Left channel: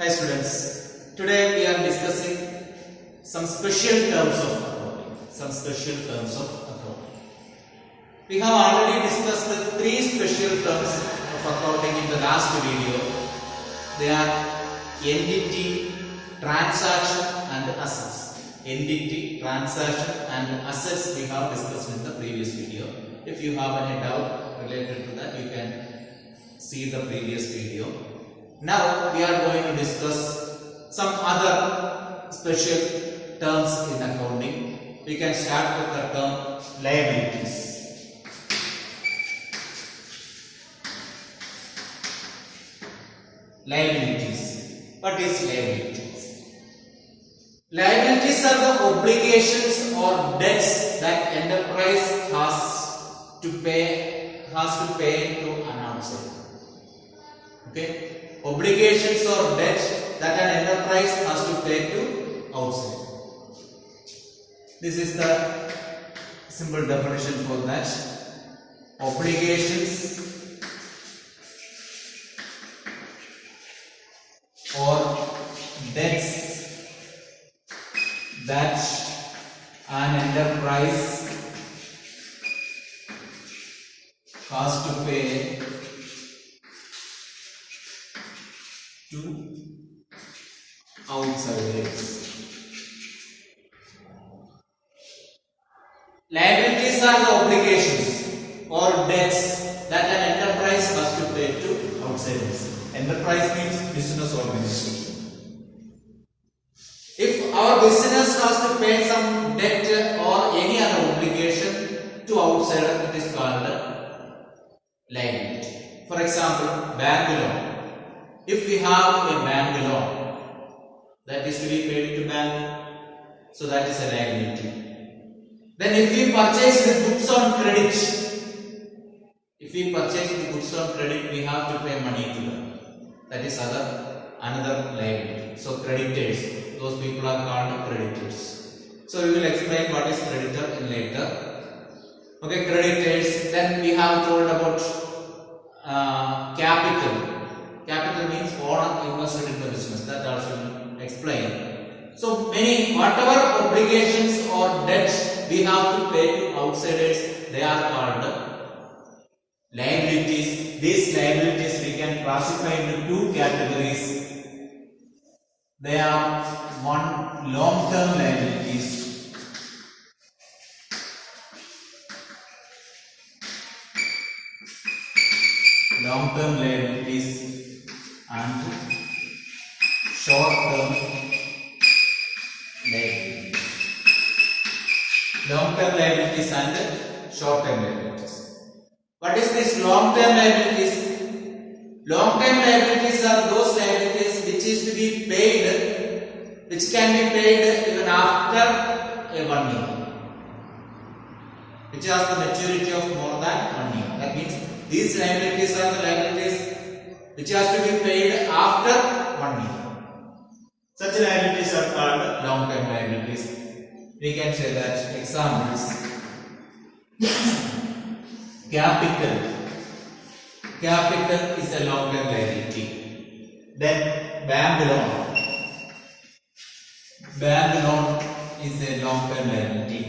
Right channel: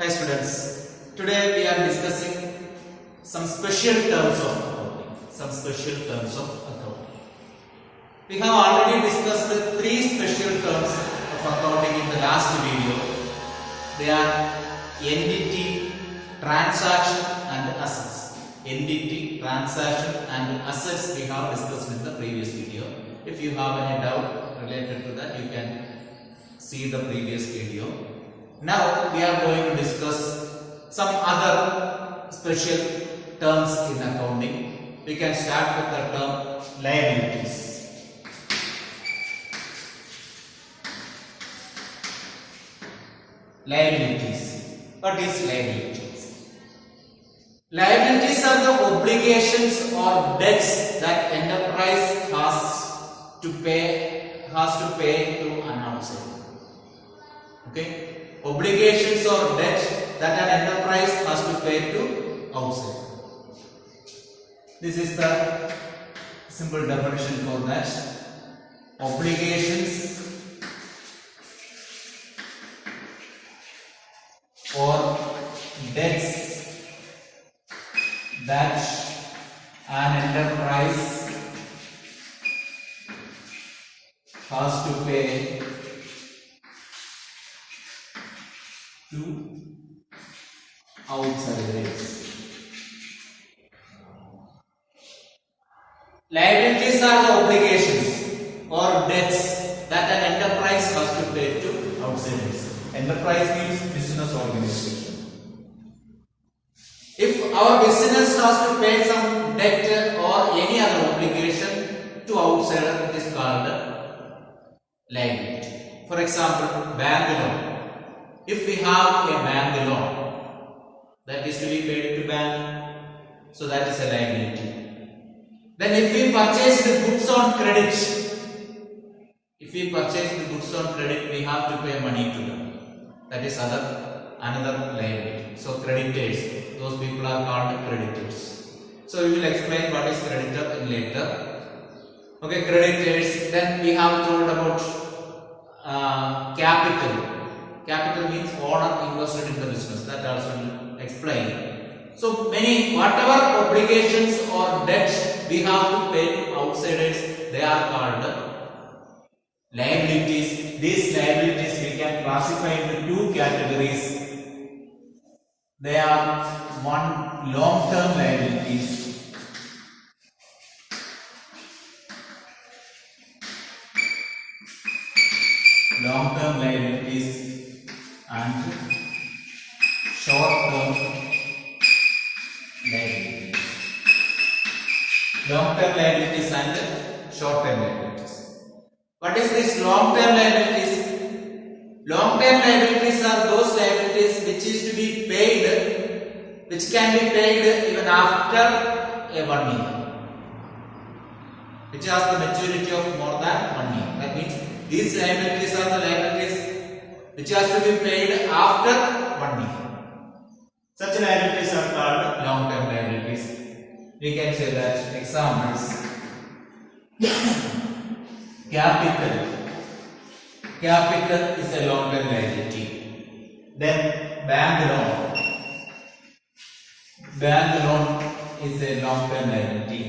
Hi students, today we are discussing some special terms of accounting. We have already discussed the three special terms of accounting in the last video. They are entity, transaction and assets. Entity, transaction and assets we have discussed in the previous video. If you have any doubt related to that, you can see the previous video. Now we are going to discuss some other special terms in accounting. We can start with the term liabilities. What is liabilities? Liabilities are the obligations or debts that enterprise has to pay to an outsider. Okay? Obligations or debt that an enterprise has to pay to outside. This is the simple definition for that. Obligations or debts that an enterprise has to pay to outsiders. Liabilities are the obligations or debts that an enterprise has to pay to outsiders. Enterprise means business organization. If our business has to pay some debt or any other obligation to outsider, it is called liability. For example, bank loan. If we have a bank loan that is to be paid to bank, so that is a liability. Then if we purchase the goods on credit, we have to pay money to them. That is another liability. So creditors, those people are called creditors. So we will explain what is creditor in later. Okay, creditors. Then we have told about capital. Capital means owner invested in the business. That also will explain. So whatever obligations or debts we have to pay to outsiders, they are called liabilities. These liabilities we can classify into two categories. They are one, long-term liabilities. Long-term liabilities and short-term liabilities. Long-term liabilities and short-term liabilities. What is this long-term liabilities? Long-term liabilities are those liabilities which is to be paid, which can be paid even after 1 year, which has the maturity of more than 1 year. That means these liabilities are the liabilities which has to be paid after 1 year. Such liabilities are called long-term liabilities. We can say that examples. Capital is a long-term liability. Then bank loan is a long-term liability.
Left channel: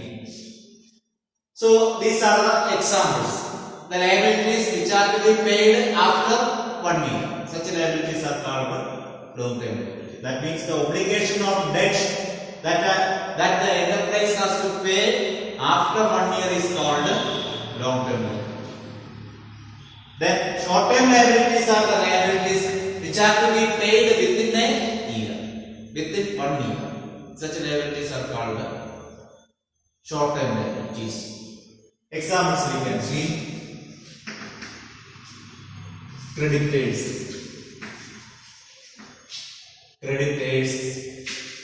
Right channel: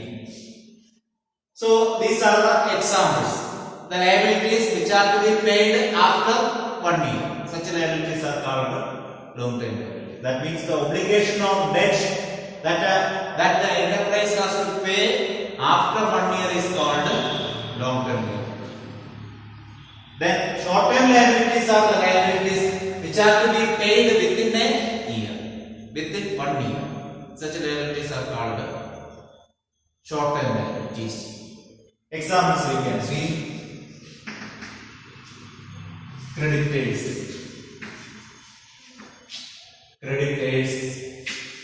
So these are the examples. The liabilities which are to be paid after 1 year. Such liabilities are called long-term liability. That means the obligation or debt that the enterprise has to pay after 1 year is called long-term liability. Then short-term liabilities are the liabilities which are to be paid within a year, within 1 year. Such liabilities are called short-term liabilities. Examples we can see. Creditors,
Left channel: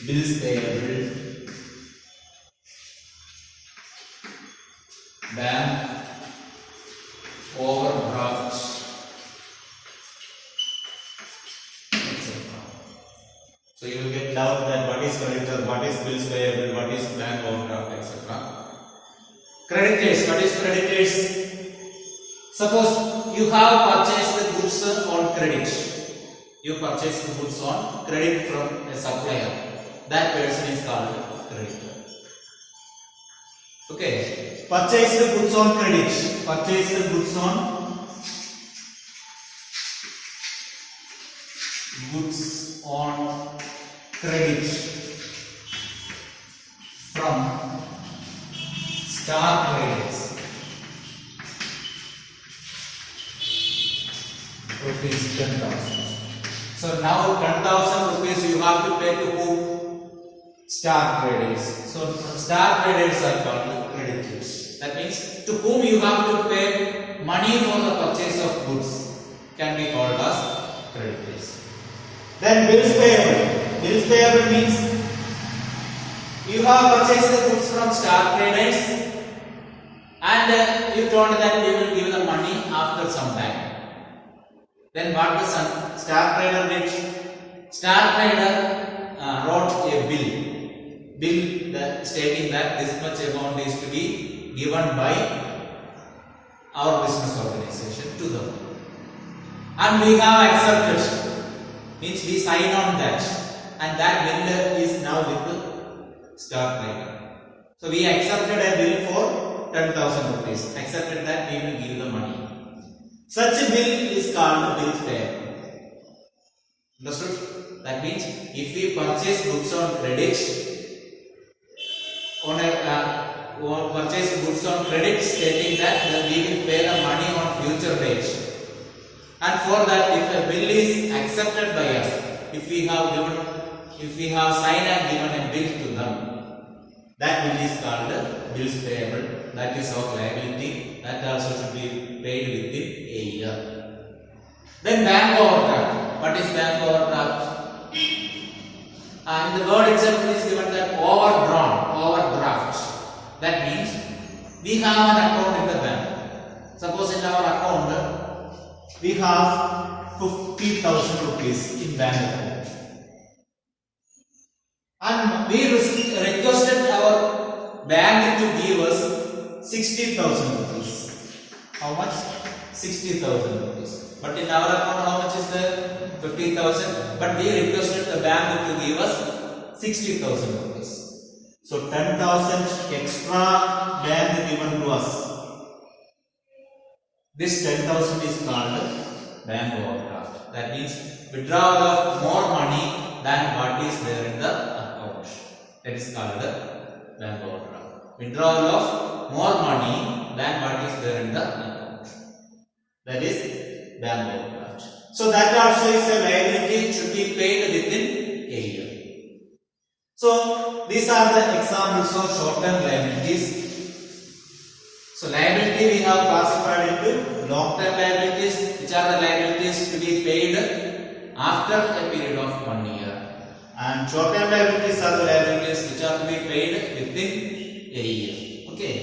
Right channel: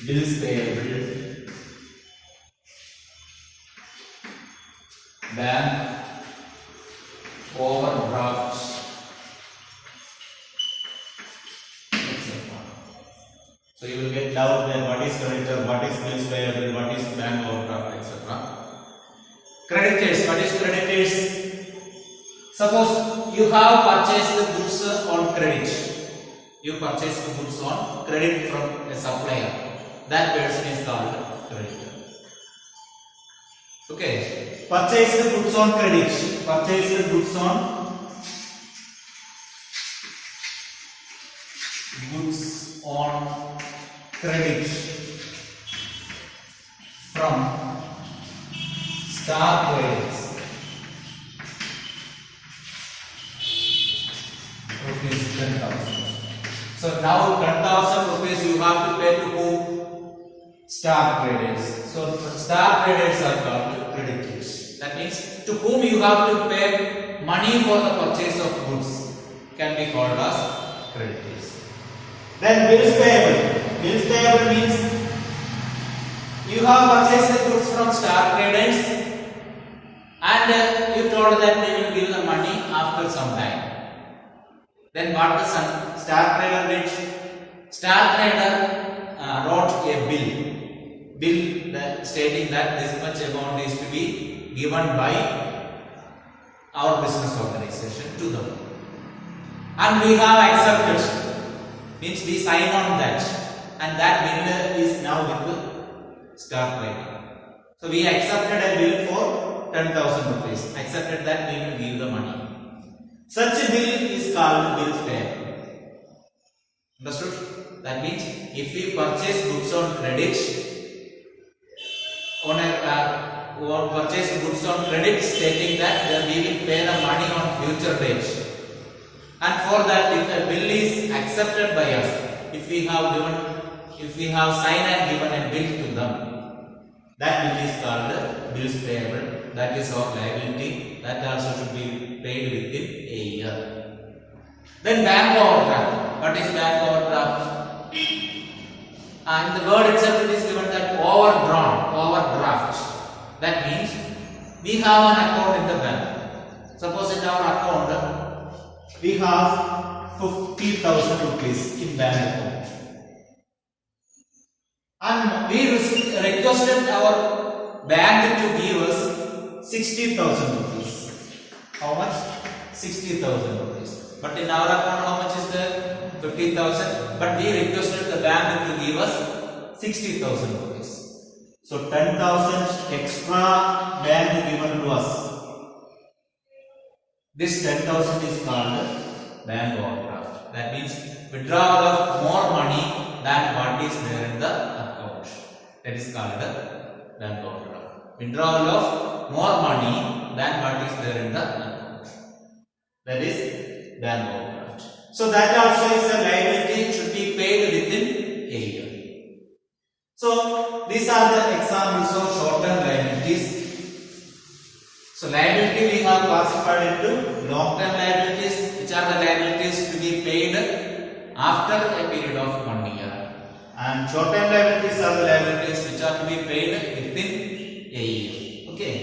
bills payable, bank overdraft, etc. So you will get doubt that what is creditor, what is bills payable, what is bank overdraft, etc. Creditors, what is creditors? Suppose you have purchased the goods on credit. You purchase goods on credit from a supplier. That person is called creditor. Okay. Purchase goods on credit. Purchase goods on credit from Star Traders. Rupees 10,000. So now 10,000 rupees you have to pay to who? Star Traders. So Star Traders are called creditors. That means to whom you have to pay money for the purchase of goods can be called as creditors. Then bills payable. Bills payable means you have purchased the goods from Star Traders and you told that we will give the money after some time. Then what the Star Trader did? Star Trader wrote a bill stating that this much amount is to be given by our business organization to them. And we have accepted. Means we sign on that. And that bill is now with the Star Trader. So we accepted a bill for 10,000 rupees. Accepted that we will give the money. Such a bill is called bills payable. Understood? That means if we purchase goods on credit, purchase goods on credit stating that we will pay the money on future date. And for that, if a bill is accepted by us, if we have signed and given a bill to them, that bill is called bills payable. That is our liability. That also should be paid within a year. Then bank overdraft. What is bank overdraft? And the word itself is given that overdraft. That means we have an account in the bank. Suppose in our account we have 50,000 rupees in bank account. And we requested our bank to give us 60,000 rupees. How much? 60,000 rupees. But in our account, how much is there? 50,000. But we requested the bank to give us 60,000 rupees. So 10,000 extra bank given to us. This 10,000 is called bank overdraft. That means withdrawal of more money than what is there in the account. That is called bank overdraft. Withdrawal of more money than what is there in the account. That is bank overdraft. So that also is a liability, should be paid within a year. So these are the examples of short-term liabilities. So liability we have classified into long-term liabilities, which are the liabilities to be paid after a period of 1 year. And short-term liabilities are the liabilities which are to be paid within a year. Okay.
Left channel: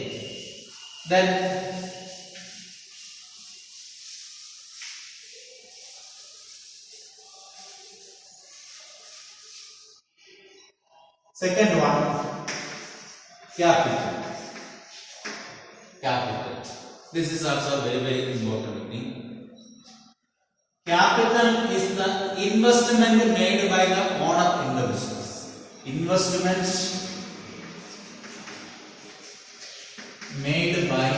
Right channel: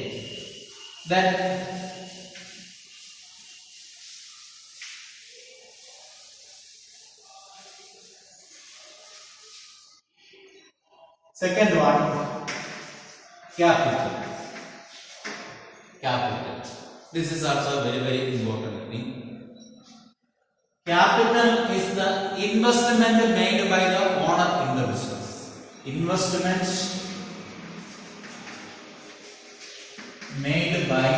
Then second one, capital. This is also a very important thing. Capital is the investment made by the owner in the business. Investment made by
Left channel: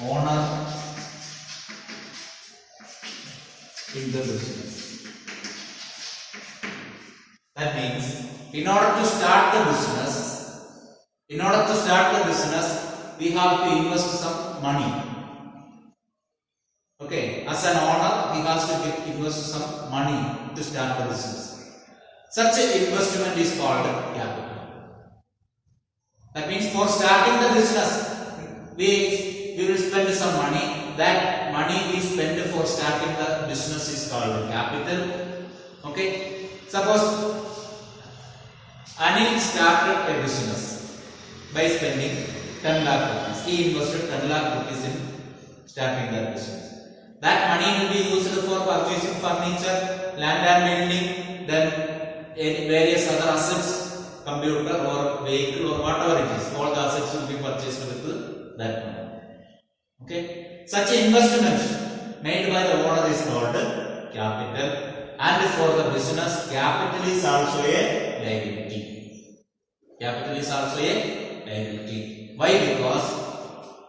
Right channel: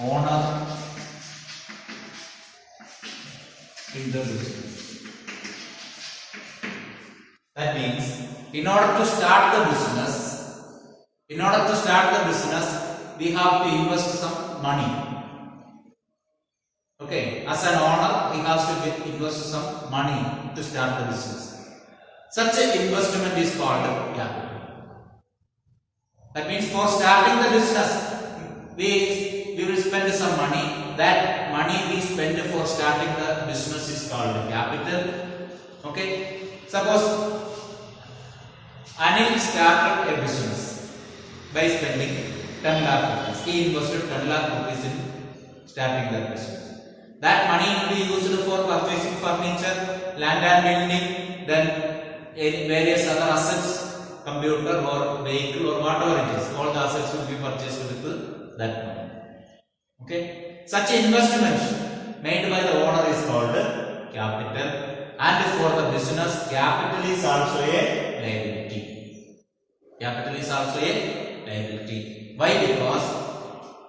owner in the business. That means in order to start the business, we have to invest some money. Okay, as an owner, we have to invest some money to start the business. Such an investment is called capital. That means for starting the business, we will spend some money. That money we spend for starting the business is called capital. Okay, suppose Anil started a business by spending 10 lakh rupees. He invested 10 lakh rupees in starting that business. That money will be used for purchasing furniture, land and building, then various other assets, computer or vehicle or whatever it is. All the assets will be purchased with that money. Okay. Such investment made by the owner is called capital, and for the business, capital is also a liability. Capital is also a liability. Why? Because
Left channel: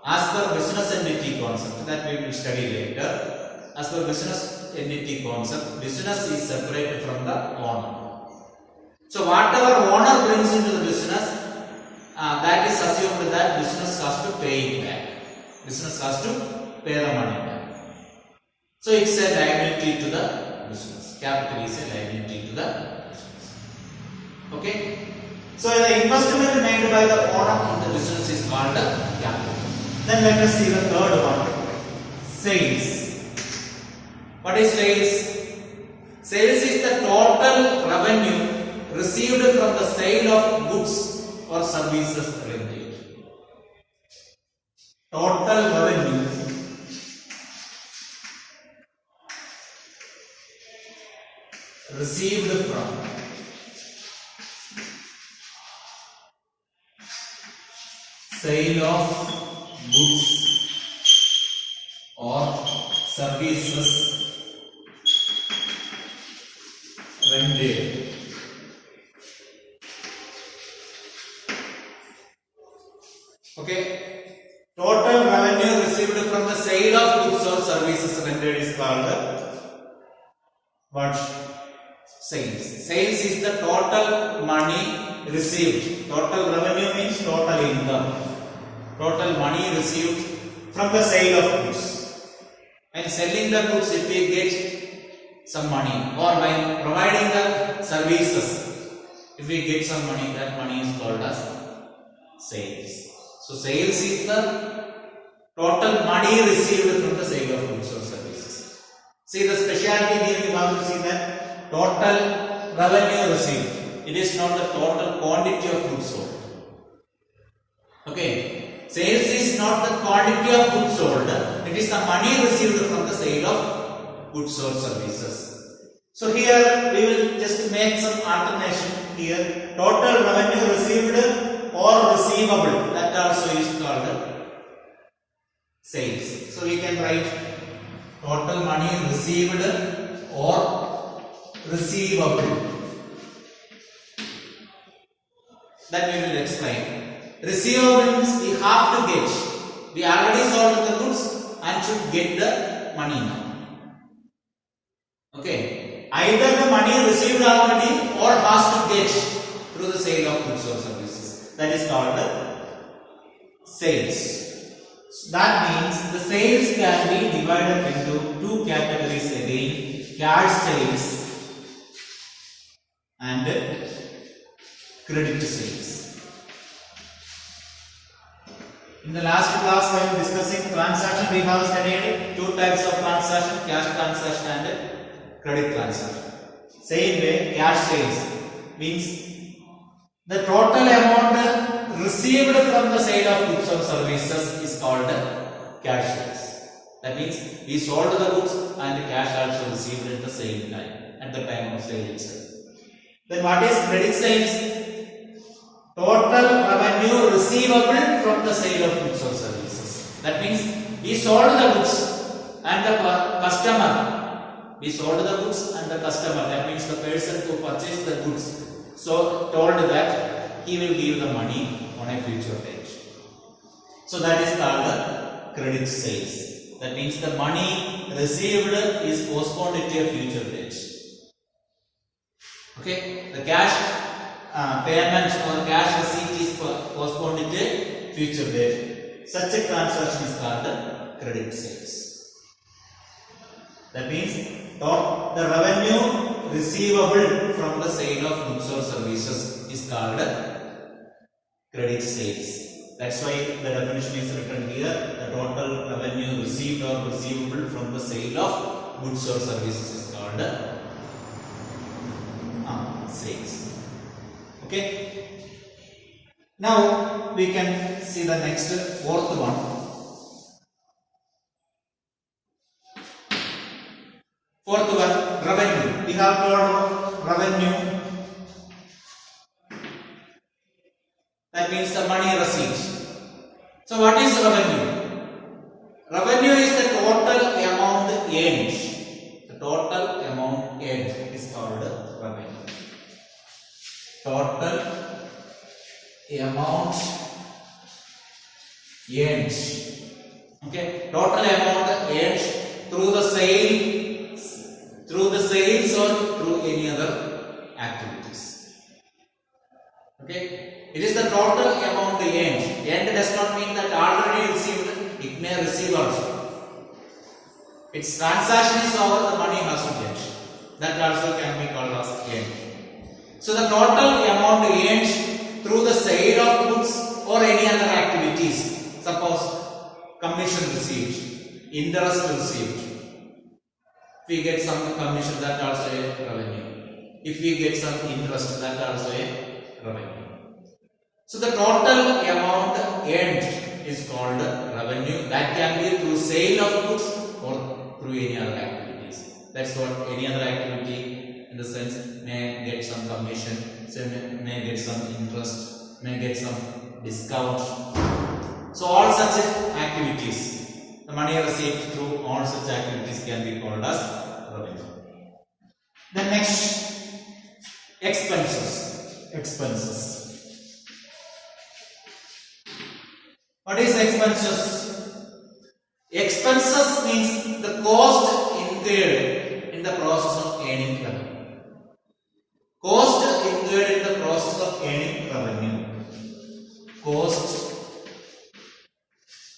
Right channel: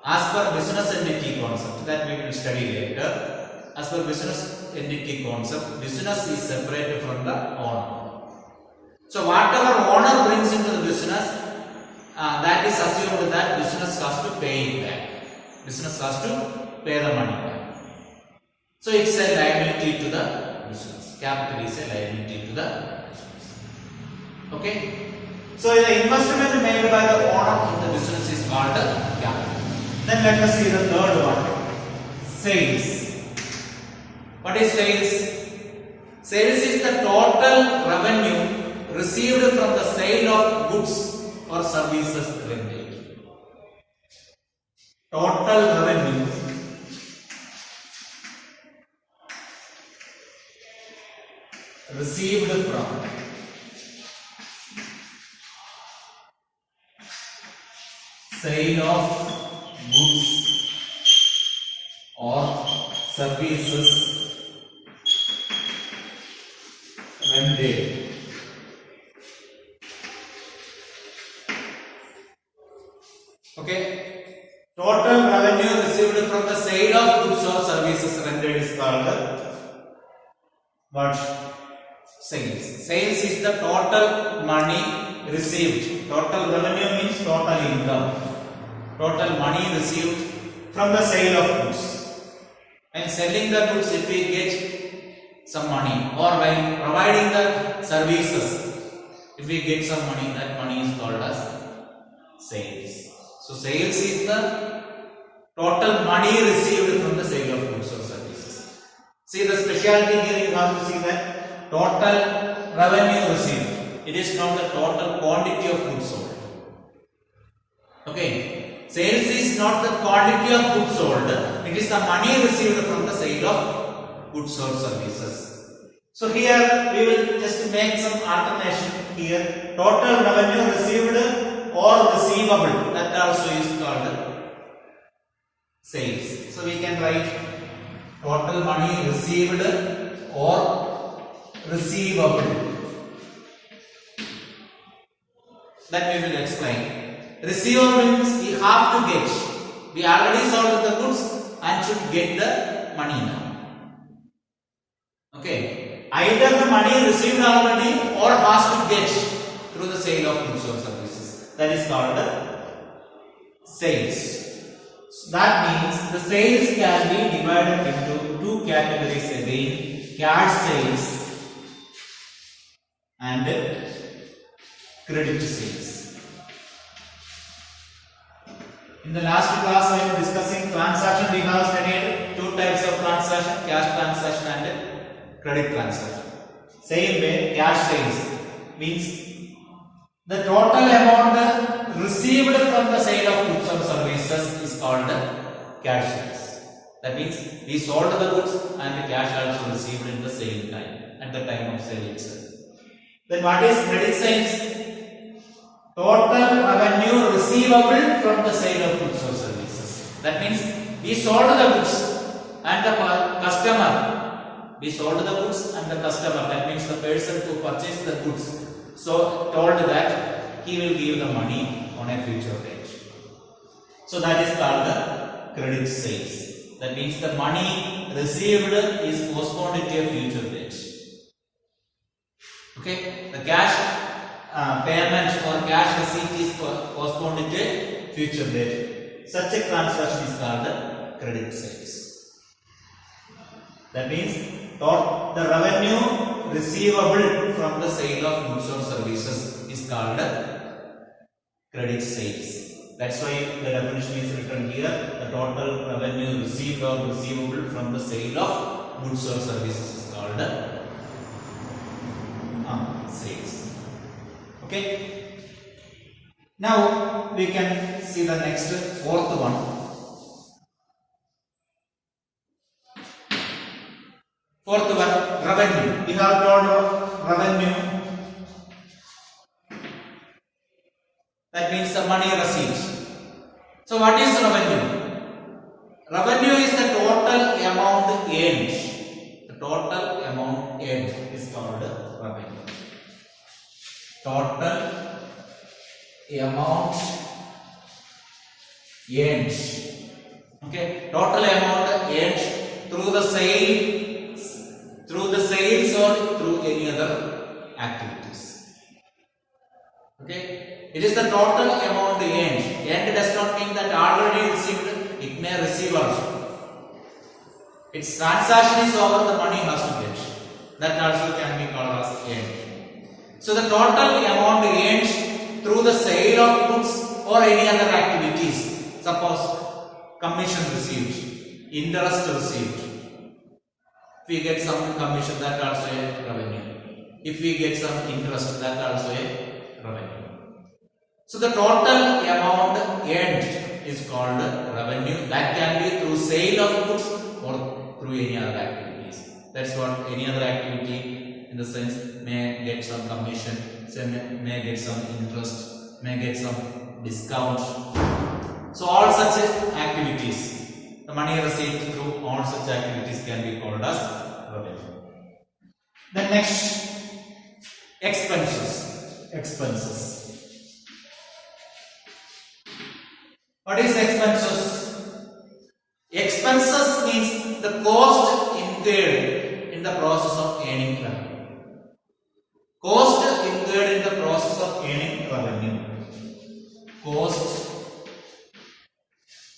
as per business entity concept that we will study later, as per business entity concept, business is separated from the owner. So whatever owner brings into the business, that is assumed that business has to pay it back. Business has to pay the money back. So it's a liability to the business. Capital is a liability to the business. Okay. So the investment made by the owner in the business is called the capital. Then let us see the third one. Sales. What is sales? Sales is the total revenue received from the sale of goods or services rendered. Total revenue received from sale of goods or services rendered. Okay. Total revenue received from the sale of goods or services rendered is called what? Sales. Sales is the total money received. Total revenue means total income. Total money received from the sale of goods. And selling the goods, if we get some money, or by providing the services, if we get some money, that money is called as sales. So sales is the total money received from the sale of goods or services. See the specialty here, you have to see that total revenue received. It is not the total quantity of goods sold. Okay. Sales is not the quantity of goods sold. It is the money received from the sale of goods or services. So here we will just make some alternation here. Total revenue received or receivable, that also is called sales. So we can write total money received or receivable. Then we will explain. Receivable means we have to get. We already sold the goods and should get the money now. Okay. Either the money received already or has to get through the sale of goods or services. That is called sales. So that means the sales can be divided into two categories again: cash sales and credit sales. In the last class, I am discussing transaction. We have studied two types of transaction: cash transaction and credit transaction. Same way, cash sales means the total amount received from the sale of goods or services is called cash sales. That means we sold the goods and the cash also received in the same time, at the time of sale itself. Then what is credit sales? Total revenue receivable from the sale of goods or services. That means we sold the goods and the customer. We sold the goods and the customer. That means the person who purchased the goods so told that he will give the money on a future date. So that is called the credit sales. That means the money received is postponed to a future date. Okay, the cash payment or cash receipt is postponed to a future date. Such a transaction is called the credit sales. That means the revenue receivable from the sale of goods or services is called credit sales. That's why the definition is written here. The total revenue received or receivable from the sale of goods or services is called sales. Okay. Now we can see the next fourth one. Fourth one, revenue. We have got revenue. That means the money received. So what is revenue? Revenue is the total amount earned. The total amount earned is called revenue. Total amount earned. Okay, total amount earned through the sales or through any other activities. Okay, it is the total amount earned. Earned does not mean that already received. It may receive also. Its transaction is over, the money has to get. That also can be called as earned. So the total amount earned through the sale of goods or any other activities. Suppose commission received, interest received. If we get some commission, that also a revenue. If we get some interest, that also a revenue. So the total amount earned is called revenue. That can be through sale of goods or through any other activities. That's what any other activity in the sense may get some commission, may get some interest, may get some discount. So all such activities, the money received through all such activities can be called as revenue. Then next, expenses. What is expenses? Expenses means the cost incurred in the process of earning revenue. Cost incurred in the process of earning revenue. Cost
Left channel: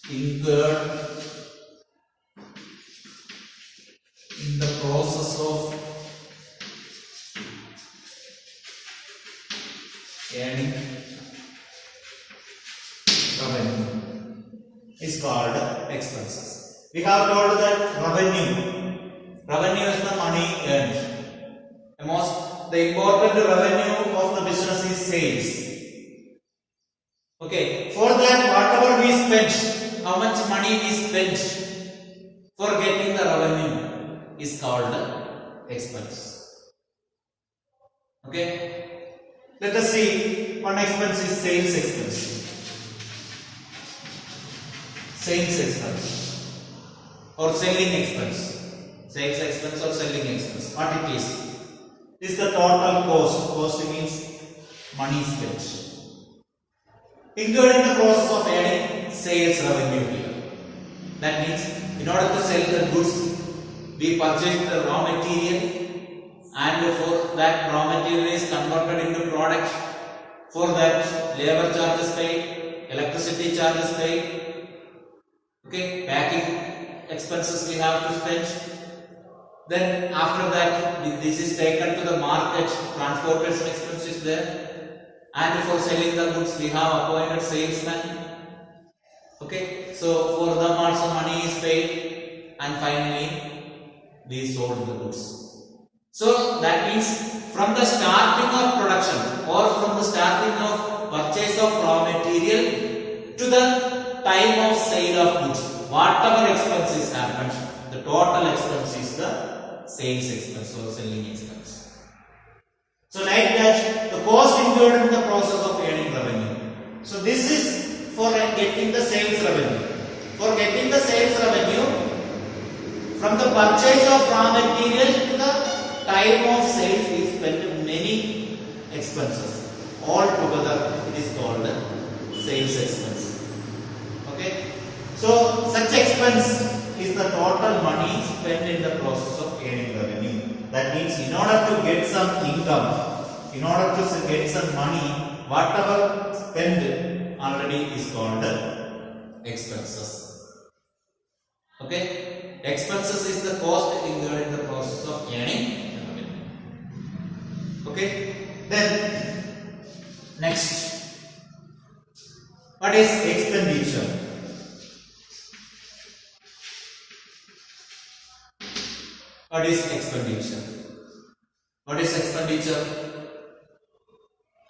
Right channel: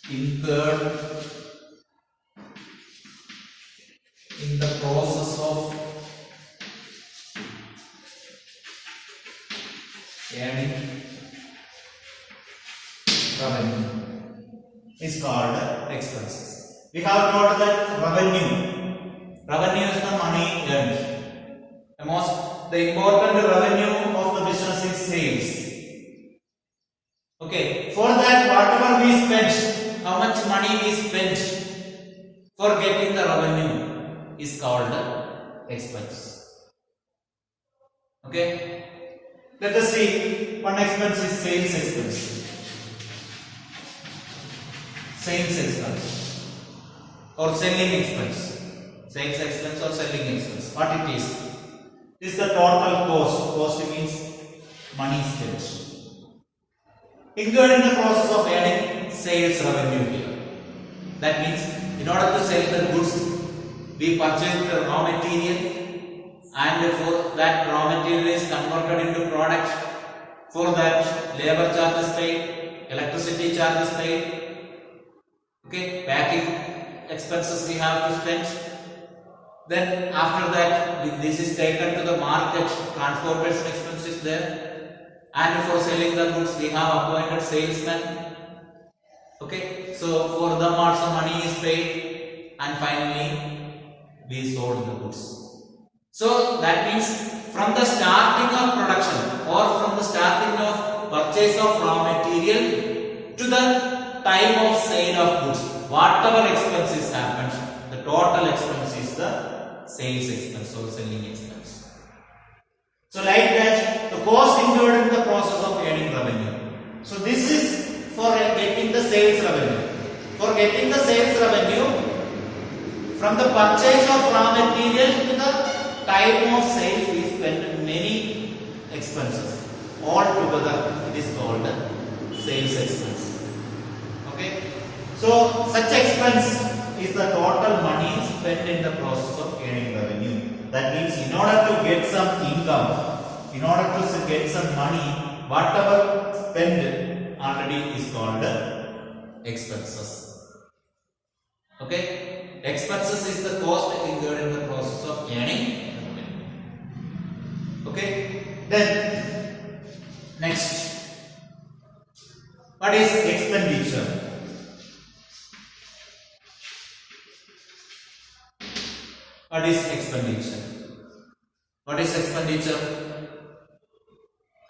incurred in the process of earning revenue is called expenses. We have told that revenue is the money earned. The important revenue of the business is sales. Okay, for that whatever we spent, how much money we spent for getting the revenue is called expense. Okay, let us see. One expense is sales expense. Sales expense or selling expense. Sales expense or selling expense. What it is? This is the total cost. Cost means money spent. Incurred in the process of earning sales revenue here. That means in order to sell the goods, we purchase the raw material, and for that raw material is converted into product. For that, labor charges paid, electricity charges paid. Okay, packing expenses we have to spend. Then after that, this is taken to the market, transportation expense is there. And for selling the goods, we have appointed salesmen. Okay, so for them also money is paid, and finally we sold the goods. So that means from the starting of production or from the starting of purchase of raw material to the time of sale of goods, whatever expenses happened, the total expense is the sales expense or selling expense. So like that, the cost incurred in the process of earning revenue. So this is for getting the sales revenue. For getting the sales revenue, from the purchase of raw material to the time of sale, we spend many expenses. All together, it is called sales expense. Okay, so such expense is the total money spent in the process of earning revenue. That means in order to get some income, in order to get some money, whatever spent already is called expenses. Okay, expenses is the cost incurred in the process of earning revenue. Okay, then next, what is expenditure? What is expenditure? What is expenditure?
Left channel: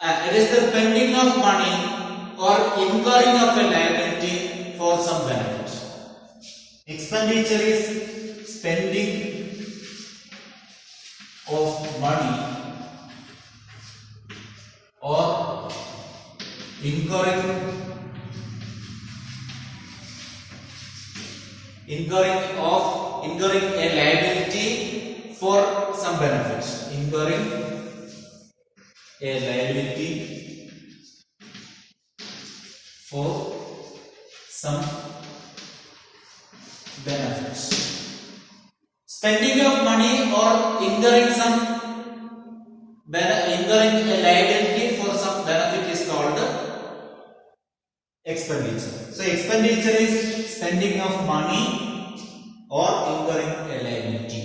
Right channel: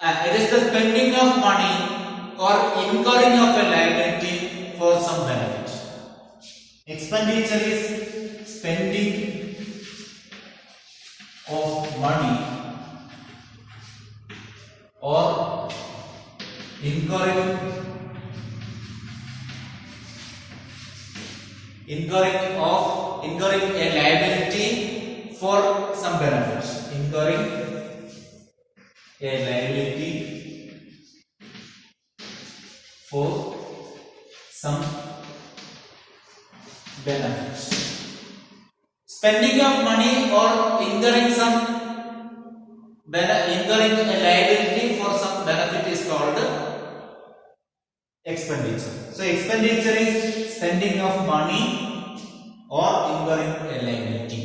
It is the spending of money or incurring of a liability for some benefit. Expenditure is spending of money or incurring a liability for some benefits, incurring a liability for some benefits. Spending of money or incurring a liability for some benefit is called expenditure. So expenditure is spending of money or incurring a liability.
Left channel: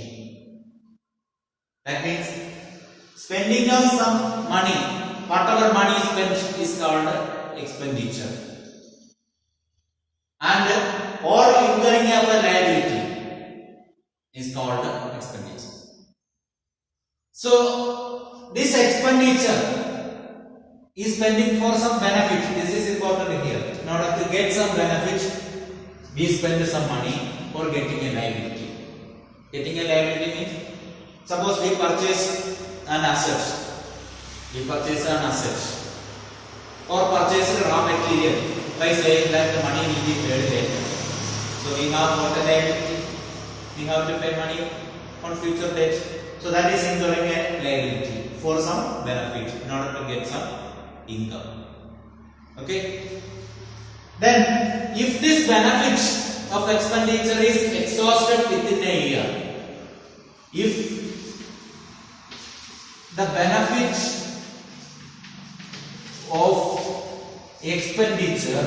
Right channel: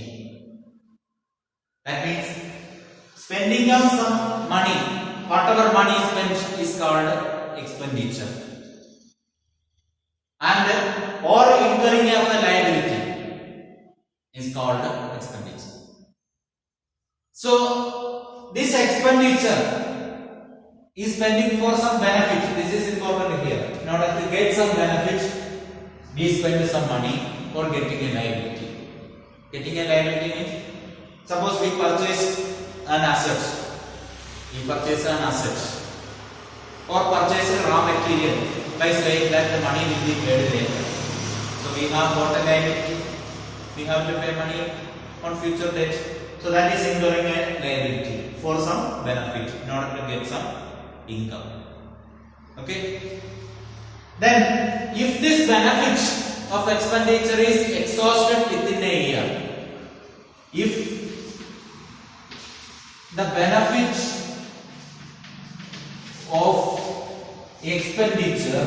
That means spending of some money, whatever money is spent is called expenditure, and or incurring of a liability is called expenditure. So this expenditure is spending for some benefit. This is important here. In order to get some benefit, we spend some money for getting a liability. Getting a liability means, suppose we purchase an asset. We purchase an asset or purchase raw material by saying that the money will be paid later. So we have got a liability. We have to pay money on future date. So that is incurring a liability for some benefit in order to get some income. Okay. Then, if this benefit of expenditure is exhausted within a year, if the benefit of expenditure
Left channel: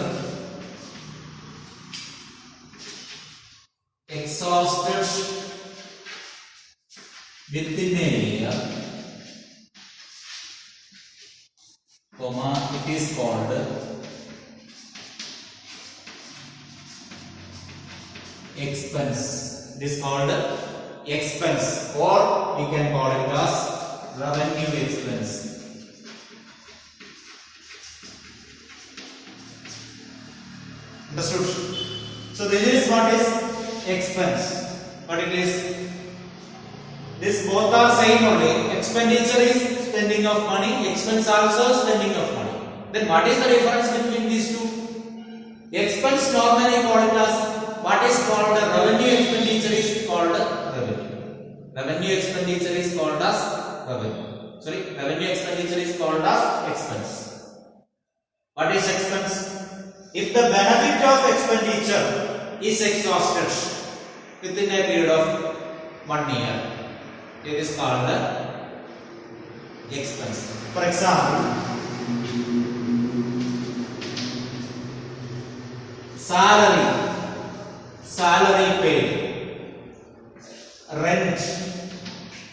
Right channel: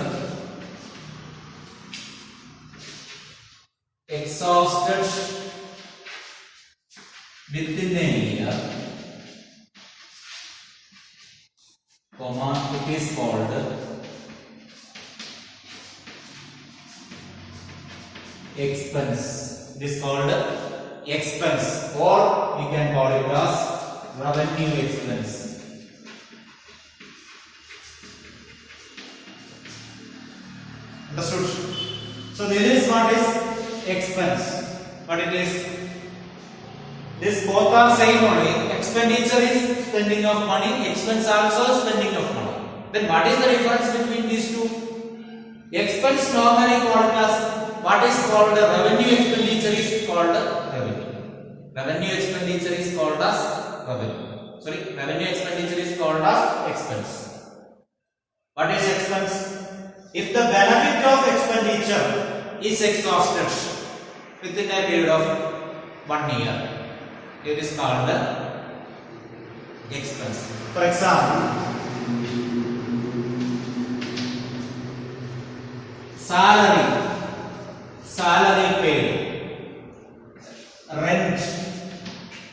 exhausted within a year, comma, it is called expense. It is called expense, or you can call it as revenue expense. Understood? So this is what is expense. But it is, this both are same only. Expenditure is spending of money, expense also spending of money. Then what is the difference between these two? Expense normally called as, what is called revenue expenditure is called revenue. Revenue expenditure is called as revenue. Sorry, revenue expenditure is called as expense. What is expense? If the benefit of expenditure is exhausted within a period of 1 year, it is called expense. For example, salary paid, rent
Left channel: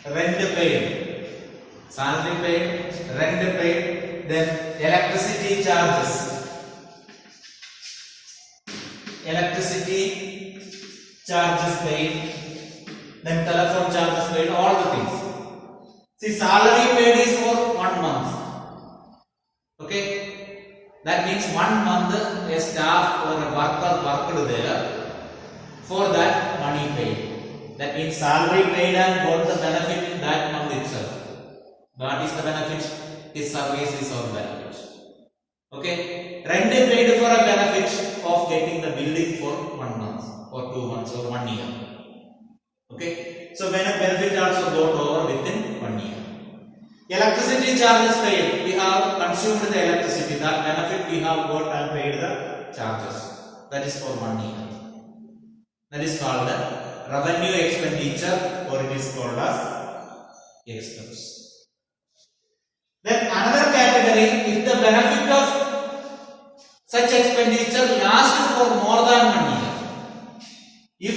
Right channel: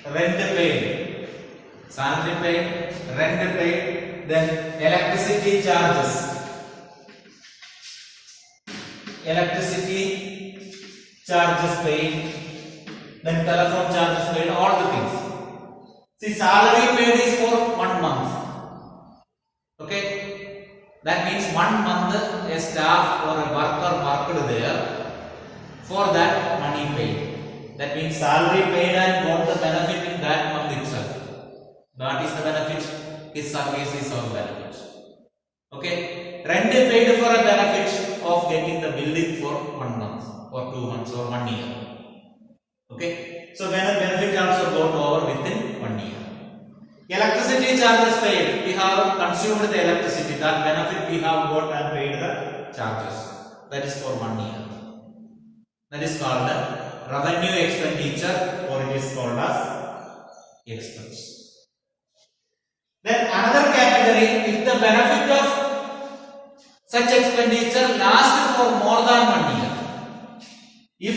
paid, salary paid, rent paid, then electricity charges paid, then telephone charges paid, all the things. See, salary paid is for 1 month. Okay, that means 1 month a staff or a worker worked there. For that, money paid. That means salary paid and got the benefit in that month itself. What is the benefit? His service is our benefit. Okay, rent paid for a benefit of getting the building for 1 month or 2 months or 1 year. Okay, so when a benefit also got over within 1 year. Electricity charges paid, we have consumed the electricity, that benefit we have got and paid the charges. That is for 1 year. That is called the revenue expenditure, or it is called as expense. Then another category, if the benefit of such expenditure lasts for more than 1 year. If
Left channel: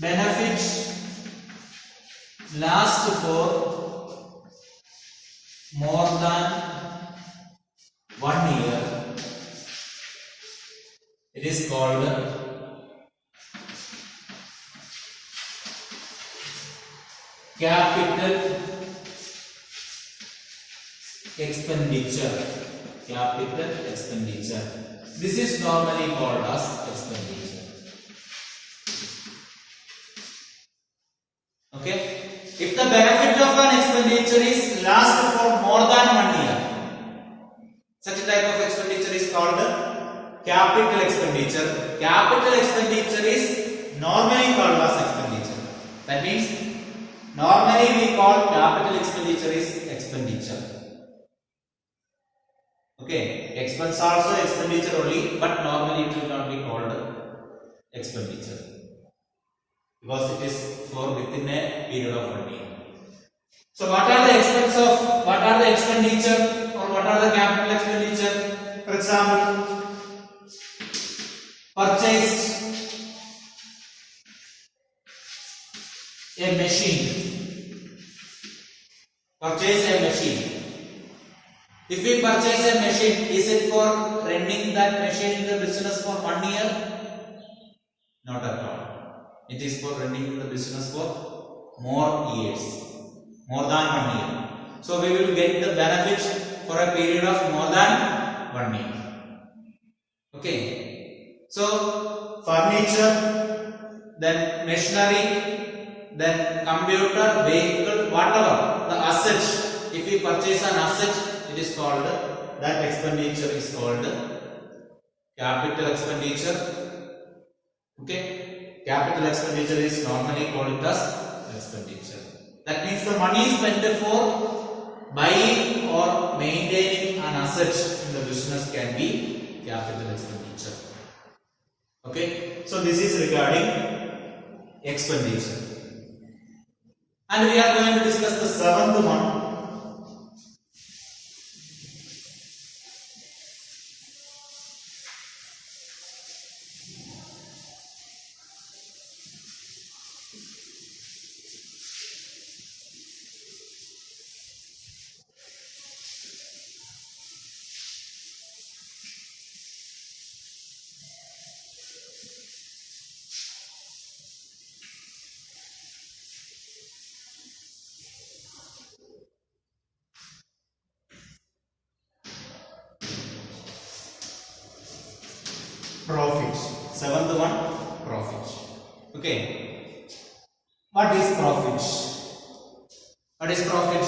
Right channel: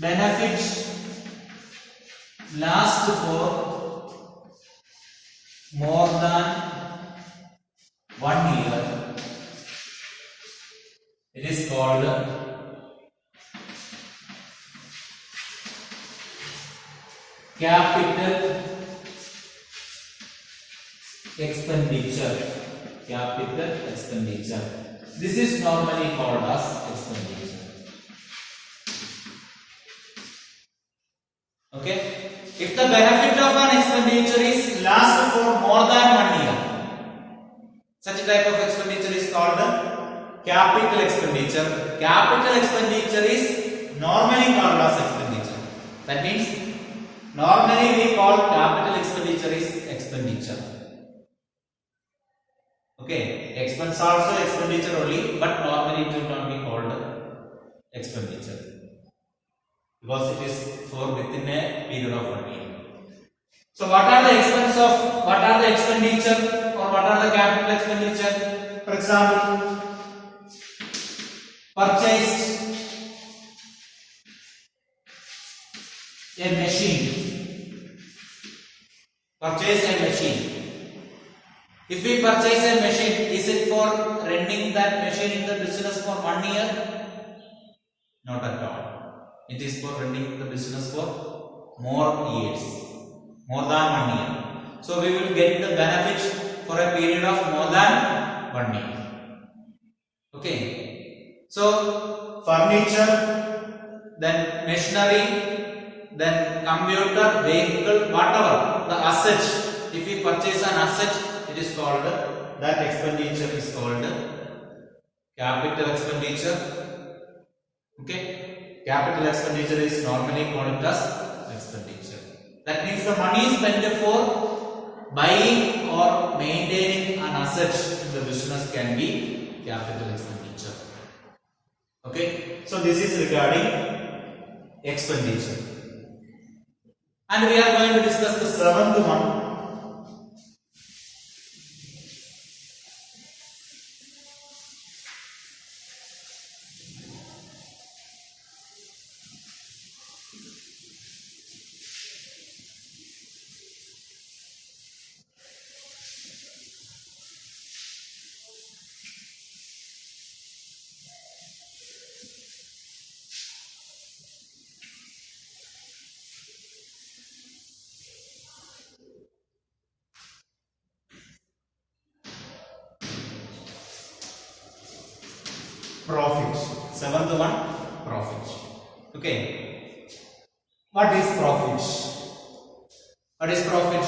benefits last for more than 1 year, it is called capital expenditure. Capital expenditure. This is normally called as expenditure. Okay. If the benefit of an expenditure is last for more than 1 year, such type of expenditure is called capital expenditure. Capital expenditure is normally called as expenditure. That means normally we call capital expenditure is expenditure. Okay, expense also expenditure only, but normally it will not be called expenditure because it is for within a period of 1 year. So what are the expenditure or what are the capital expenditure? For example, purchased a machine. Purchase a machine. If we purchase a machine, is it for running that machine in the business for 1 year? Not at all. It is for running the business for more years, more than 1 year. So we will get the benefit for a period of more than 1 year. Okay. So furniture, then machinery, then computer, vehicle, whatever the asset. If we purchase an asset, it is called, that expenditure is called capital expenditure. Okay, capital expenditure is normally called as expenditure. That means the money spent for buying or maintaining an asset in the business can be capital expenditure. Okay, so this is regarding expenditure. And we are going to discuss the seventh one. Profit. Seventh one, profit. Okay. What is profit? What is profit?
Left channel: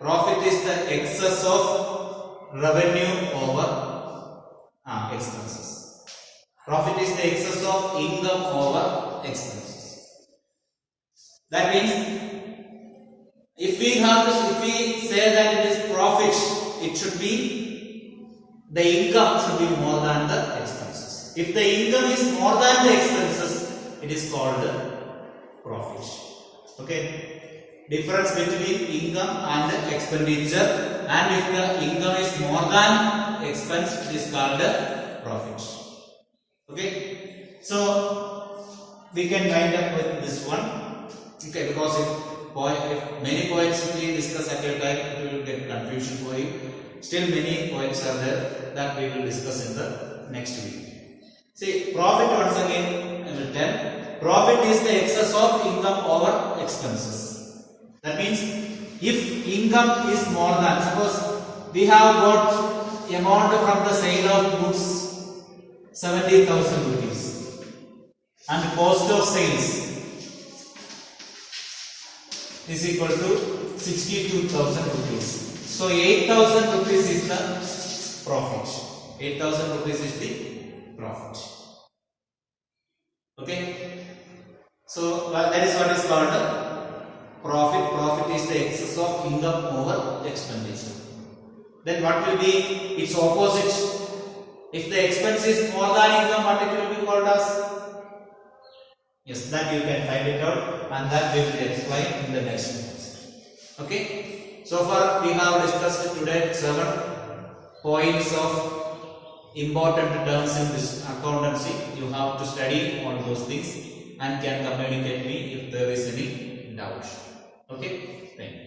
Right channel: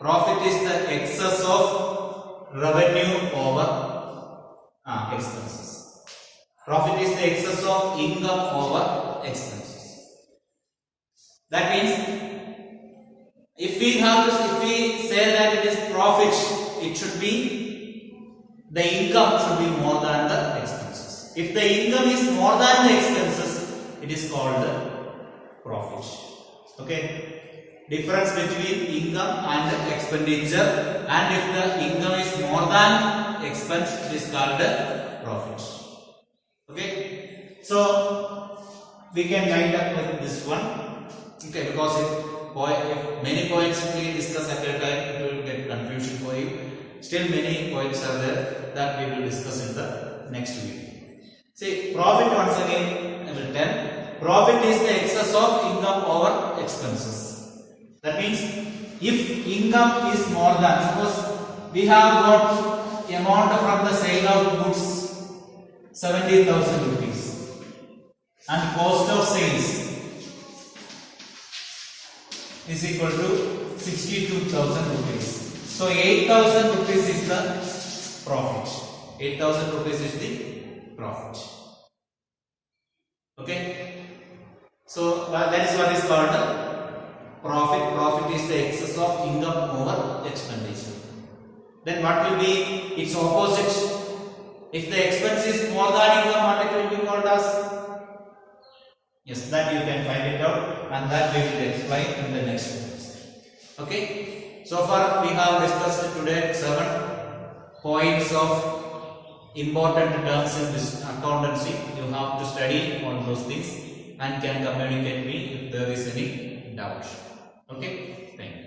Profit is the excess of revenue over expenses. Profit is the excess of income over expenses. That means if we say that it is profit, it should be the income should be more than the expenses. If the income is more than the expenses, it is called profit. Okay. Difference between income and the expenditure, and if the income is more than expense, it is called profit. Okay. So we can wind up with this one. Okay, because if many points if we discuss at a time, it will get confusion for you. Still many points are there that we will discuss in the next week. See, profit once again written. Profit is the excess of income over expenses. That means if income is more than, suppose we have got amount from the sale of goods 70,000 rupees and cost of sales is equal to 62,000 rupees. So 8,000 rupees is the profit. 8,000 rupees is the profit. Okay. So that is what is called profit. Profit is the excess of income over expenditure. Then what will be its opposite? If the expense is more than income, what it will be called as? Yes, that you can find it out, and that we will explain in the next class. Okay. So far we have discussed today 7 points of important terms in this accountancy. You have to study all those things and can communicate me if there is any doubt. Okay, thank you.